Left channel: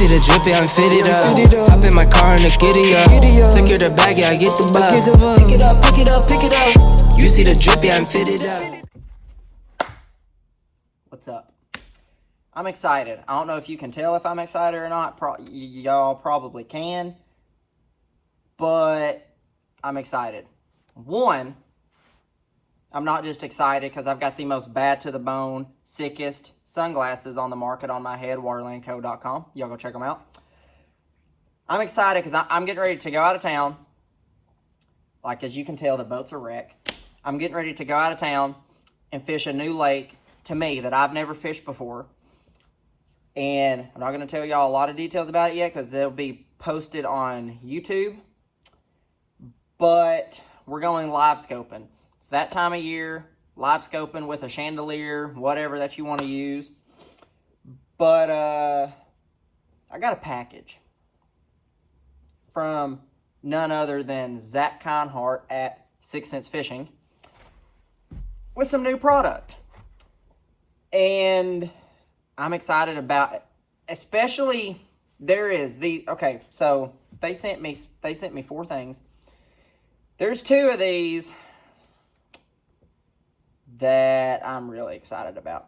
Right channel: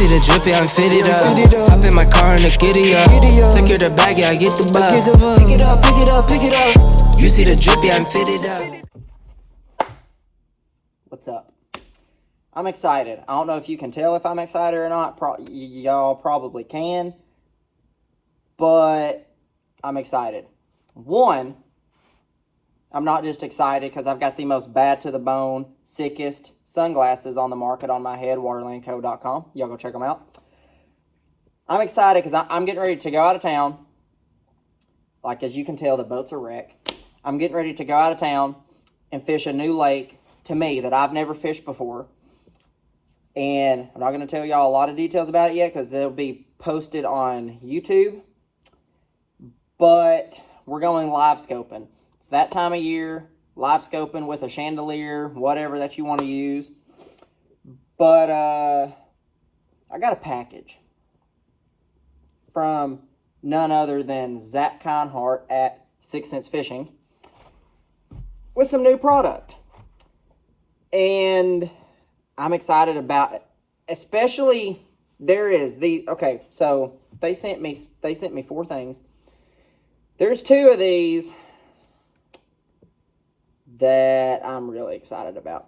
see the drippy, I'm fitted up. Hop in my car and the giddy up. Secure the bag, yeah, I get the bus. Pick it up, pick it up, pick it up. You see the drippy, I'm fitted up. What's up? I'm excited. I don't know if you can tell if I'm excited or not. Y'all probably can. But I'm excited. One, I'm not just excited because I've got the most bad to the bone, sickest sunglasses on the market on my head, waterlandco.com. Y'all go check them out. I'm excited because I'm getting ready to go out of town. Like, as you can tell, the boat's a wreck. I'm getting ready to go out of town and fish a new lake, to me, that I've never fished before. And I'm not going to tell y'all a lot of details about it yet because they'll be posted on YouTube. But we're going live scoping. It's that time of year, live scoping with a chandelier, whatever that you want to use. But I got a package from none other than Zach Kinehart at 6 Cents Fishing with some new product. And I'm excited about it. Especially, okay, so they sent me 4 things. There's 2 of these that I'm really excited about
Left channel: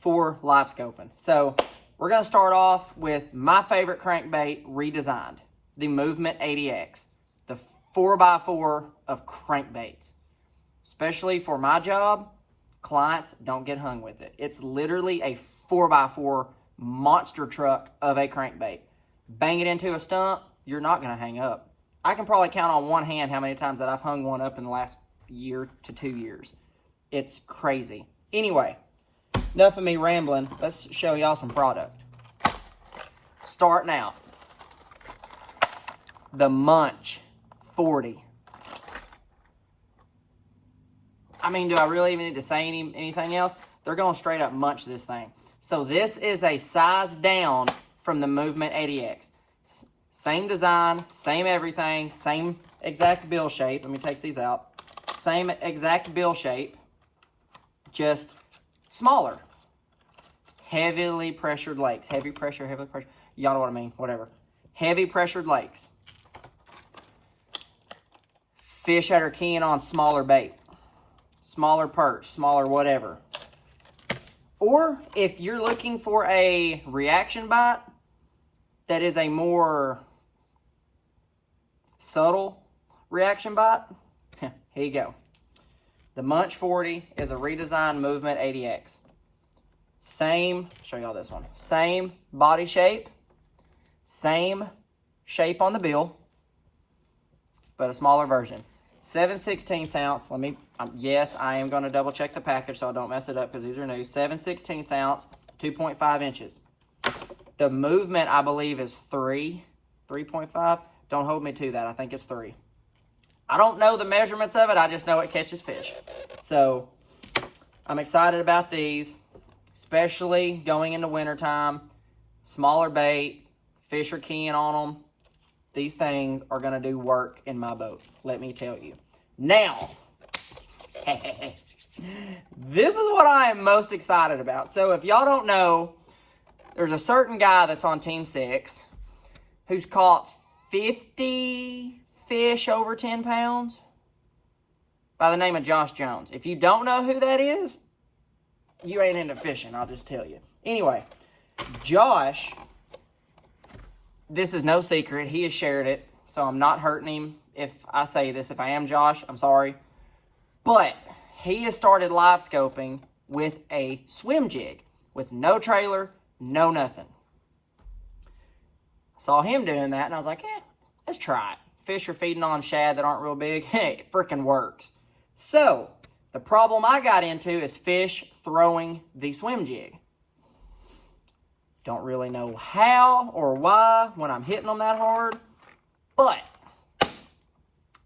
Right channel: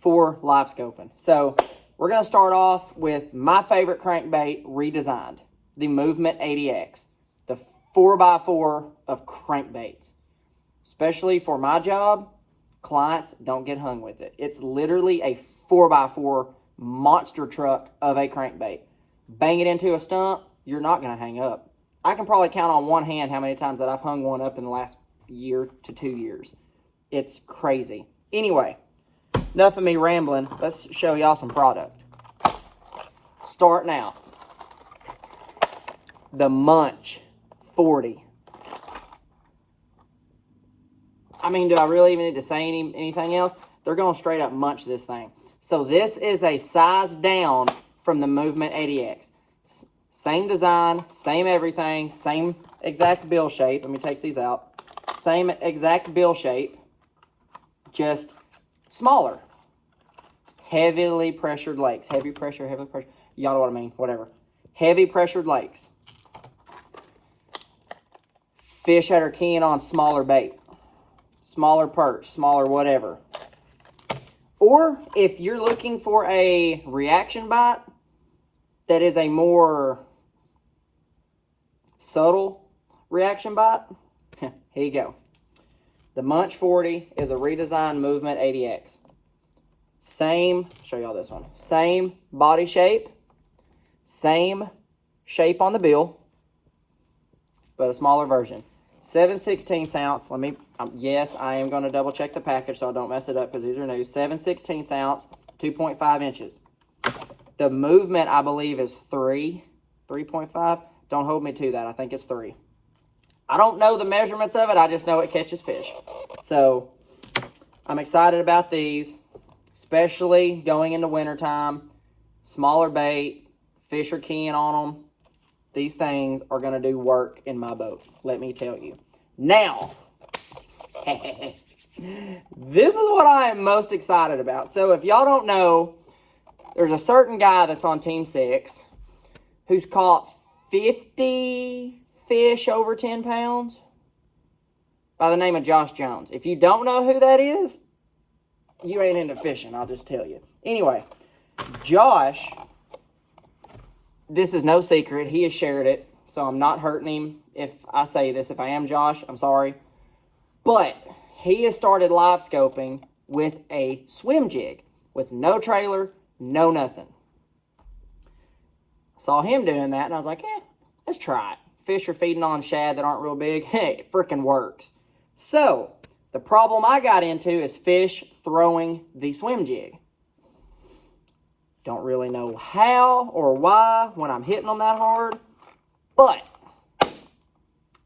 for live scoping. So we're going to start off with my favorite crankbait redesigned, the Movement 80X, the 4x4 of crankbaits. Especially for my job, clients don't get hung with it. It's literally a 4x4 monster truck of a crankbait. Bang it into a stump, you're not going to hang up. I can probably count on one hand how many times that I've hung one up in the last year to 2 years. It's crazy. Anyway, enough of me rambling. Let's show y'all some product. Starting out, the Munch 40. I mean, do I really even need to say anything else? They're going to straight up munch this thing. So this is a size down from the Movement 80X. Same design, same everything, same exact bill shape. Let me take these out. Same exact bill shape, just smaller. Heavily pressured lakes. Heavy pressure. Y'all know what I mean, whatever. Heavy pressured lakes. Fish that are keen on smaller bait. Smaller perch, smaller whatever. Or if you're looking for a reaction bite that is a more subtle reaction bite, here you go. The Munch 40 is a redesigned Movement 80X. Same, show y'all this one. Same body shape, same shape on the bill, but a smaller version. 7/16 ounce. Let me, yes, I am going to double check the package so I don't mess it up because these are new. 7/16 ounce, 2.5 inches. The Movement, I believe, is 3.5. Don't hold me to that. I think it's 3. I don't know the measurements of it. I just know it catches fish. So I'm excited about these, especially going into wintertime. Smaller bait, fish are keen on them. These things are going to do work in my boat, let me tell you. Now, this is what I am most excited about. So if y'all don't know, there's a certain guy that's on Team 6 who's caught 50 fish over 10 pounds by the name of Josh Jones. If you don't know who that is, you ain't into fishing, I'll just tell you. Anyway, Josh, this is no secret. He has shared it, so I'm not hurting him if I say this. If I am Josh, I'm sorry. But he has started live scoping with a swim jig with no trailer, no nothing. Saw him doing that, and I was like, let's try it. Fish are feeding on shad that aren't real big. Hey, it freaking works. So, the problem I got into is fish throwing the swim jig. Don't really know how or why when I'm hitting them that hard, but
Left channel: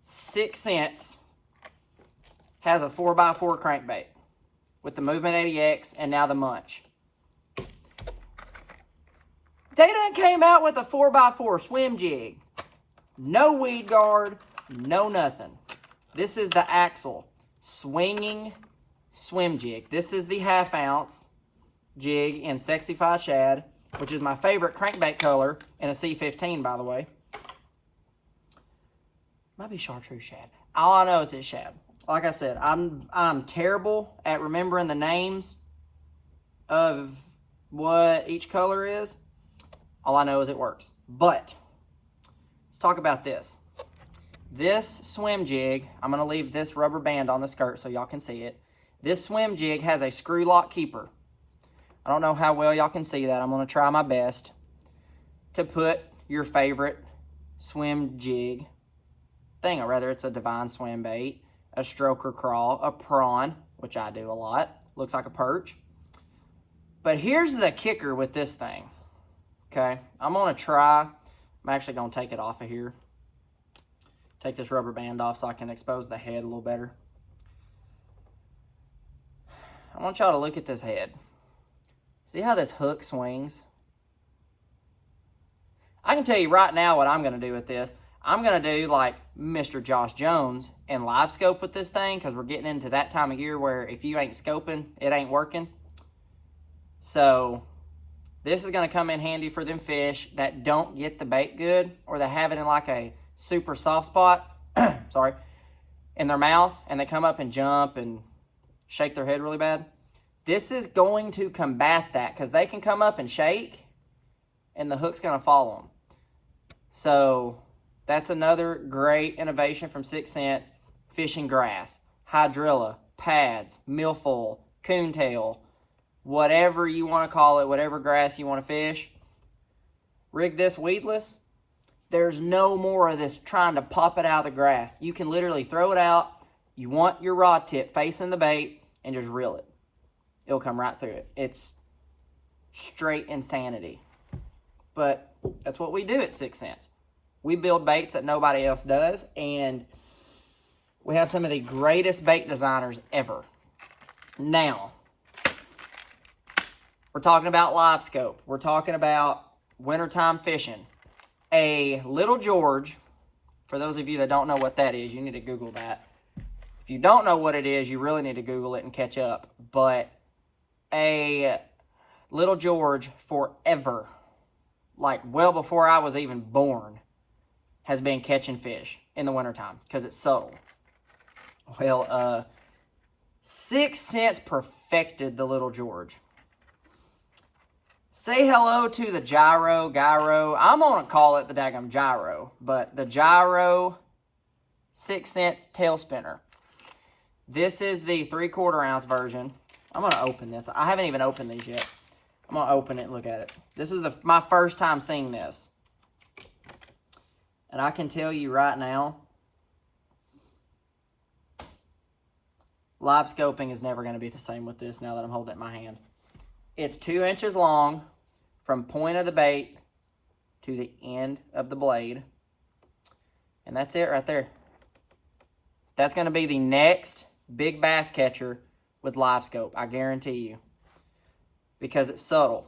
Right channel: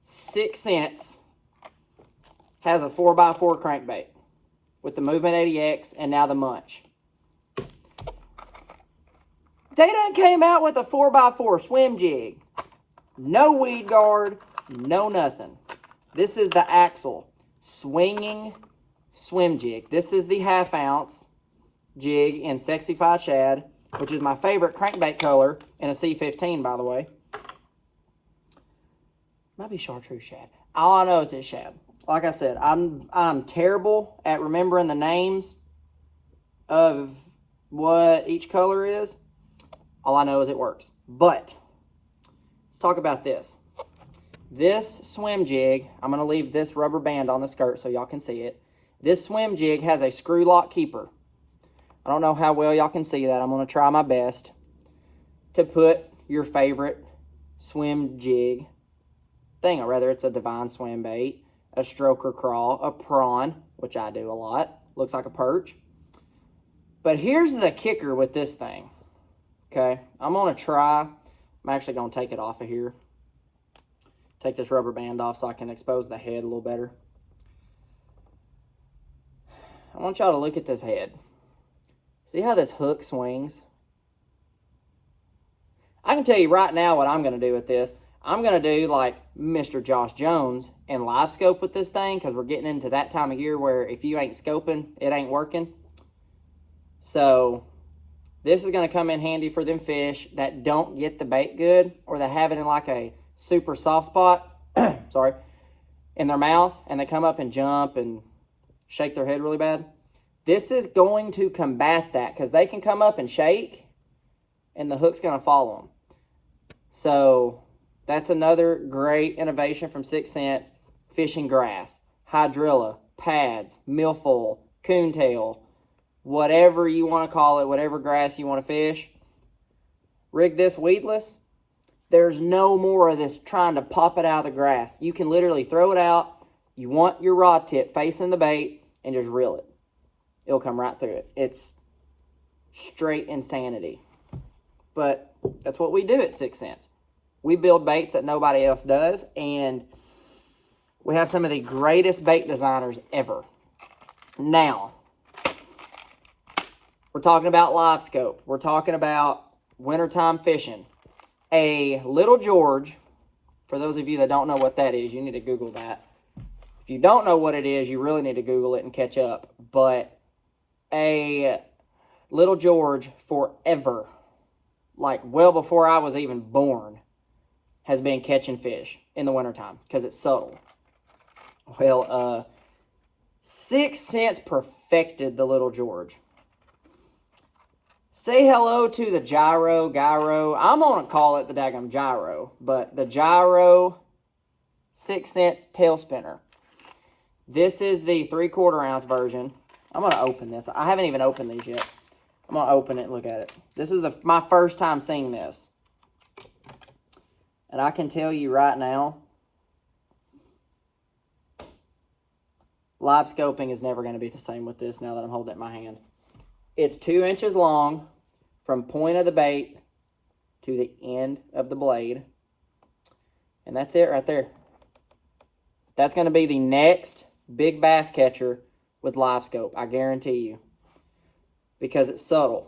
6 Cents has a 4x4 crankbait with the Movement 80X and now the Munch. They done came out with a 4x4 swim jig. No weed guard, no nothing. This is the Axel swinging swim jig. This is the 1/2 ounce jig in Sexy Fi Shad. which is my favorite crankbait color in a C15, by the way. Might be chartreuse shad. All I know is it's shad. Like I said, I'm terrible at remembering the names of what each color is. All I know is it works. But let's talk about this. This swim jig, I'm going to leave this rubber band on the skirt so y'all can see it. This swim jig has a screw lock keeper. I don't know how well y'all can see that. I'm going to try my best to put your favorite swim jig thing, or rather it's a divine swim bait, a stroker crawl, a prawn, which I do a lot. Looks like a perch. But here's the kicker with this thing. Okay, I'm going to try. I'm actually going to take it off of here. Take this rubber band off so I can expose the head a little better. I want y'all to look at this head. See how this hook swings? I can tell you right now what I'm going to do with this. I'm going to do like Mr. Josh Jones and live scope with this thing, because we're getting into that time of year where if you ain't scoping, it ain't working. So this is going to come in handy for them fish that don't get the bait good, or they have it in like a super soft spot, sorry, in their mouth, and they come up and jump and shake their head really bad. This is going to combat that, because they can come up and shake and the hook's going to follow them. So that's another great innovation from 6 Cents. Fishing grass, hydrilla, pads, milfoil, coontail, whatever you want to call it, whatever grass you want to fish. Rig this weedless. There's no more of this trying to pop it out of the grass. You can literally throw it out. You want your rod tip facing the bait and just reel it. It'll come right through it. It's straight insanity. But that's what we do at 6 Cents. We build baits that nobody else does, and we have some of the greatest bait designers ever. Now, we're talking about live scope. We're talking about wintertime fishing. A Little George, for those of you that don't know what that is, you need to Google that. If you don't know what it is, you really need to Google it and catch up. But a Little George forever, like well before I was even born, has been catching fish in the wintertime because it's subtle. Well, 6 Cents perfected the Little George. Say hello to the Gyro. I'm going to call it the daggum Gyro, but the Gyro 6 Cents tail spinner. This is the 3/4 ounce version. I'm going to open this. I haven't even opened these yet. I'm going to open it and look at it. This is my first time seeing this. And I can tell you right now, live scoping is never going to be the same with this now that I'm holding it in my hand. It's 2 inches long from point of the bait to the end of the blade. And that's it right there. That's going to be the next big bass catcher with live scope, I guarantee you. Because it's subtle.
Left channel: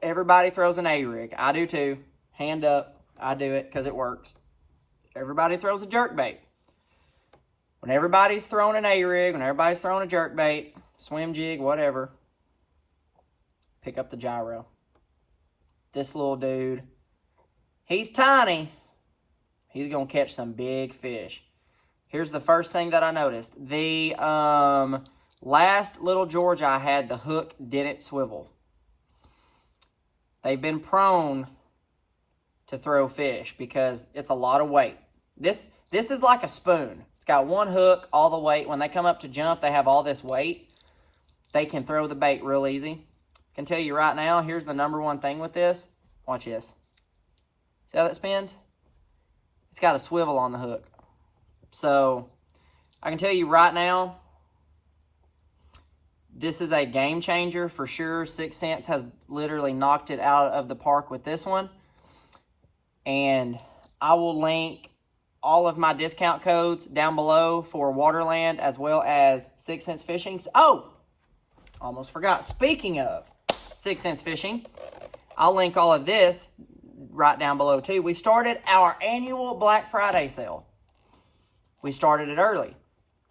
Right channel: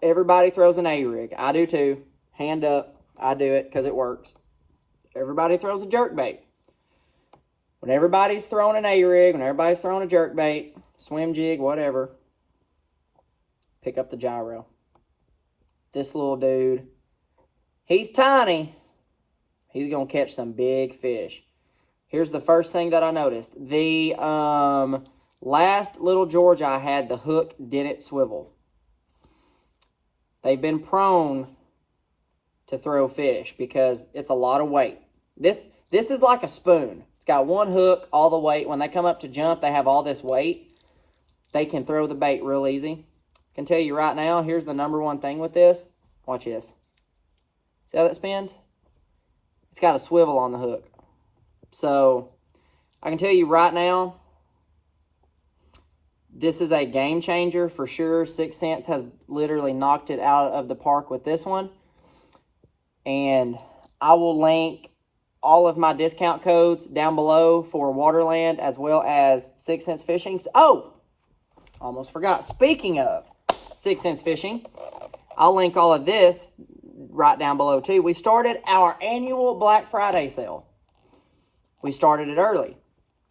Everybody throws an A-rig. I do too. Hand up. I do it because it works. Everybody throws a jerkbait. When everybody's throwing an A-rig, when everybody's throwing a jerkbait, swim jig, whatever, pick up the Gyro. This little dude, he's tiny. He's going to catch some big fish. Here's the first thing that I noticed. The last Little George I had, the hook didn't swivel. They've been prone to throw fish because it's a lot of weight. This is like a spoon. It's got one hook, all the weight. When they come up to jump, they have all this weight. They can throw the bait real easy. I can tell you right now, here's the #1 thing with this. Watch this. See how that spins? It's got a swivel on the hook. So, I can tell you right now, this is a game changer for sure. 6 Cents has literally knocked it out of the park with this one. And I will link all of my discount codes down below for Waterland as well as 6 Cents Fishing. Oh, almost forgot. Speaking of 6 Cents Fishing, I'll link all of this right down below too. We started our annual Black Friday sale. We started it early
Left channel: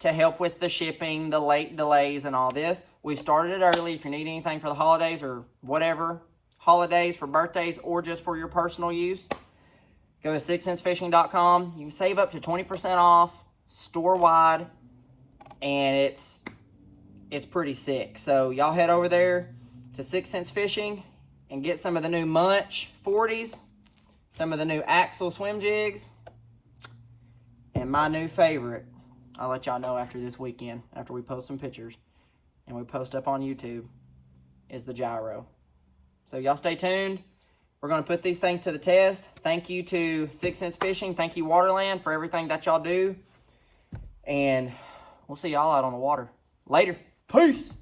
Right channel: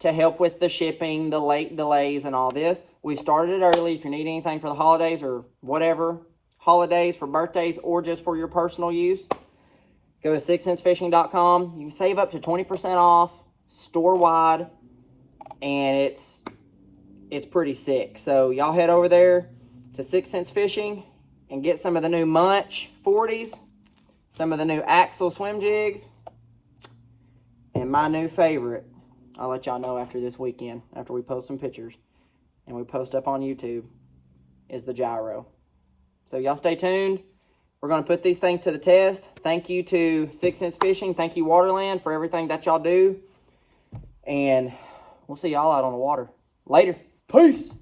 to help with the shipping, the late delays and all this. We started it early. If you need anything for the holidays or whatever, holidays, for birthdays, or just for your personal use, go to sixcensefishing.com. You can save up to 20% off store-wide, and it's pretty sick. So y'all head over there to 6 Sense Fishing and get some of the new Munch 40s, some of the new Axle Swimjigs, and my new favorite, I'll let y'all know after this weekend, after we post some pictures and we post up on YouTube, is the Gyro. So y'all stay tuned. We're going to put these things to the test. Thank you to 6 Sense Fishing. Thank you, Waterland, for everything that y'all do. And we'll see y'all out on the water. Later. Peace.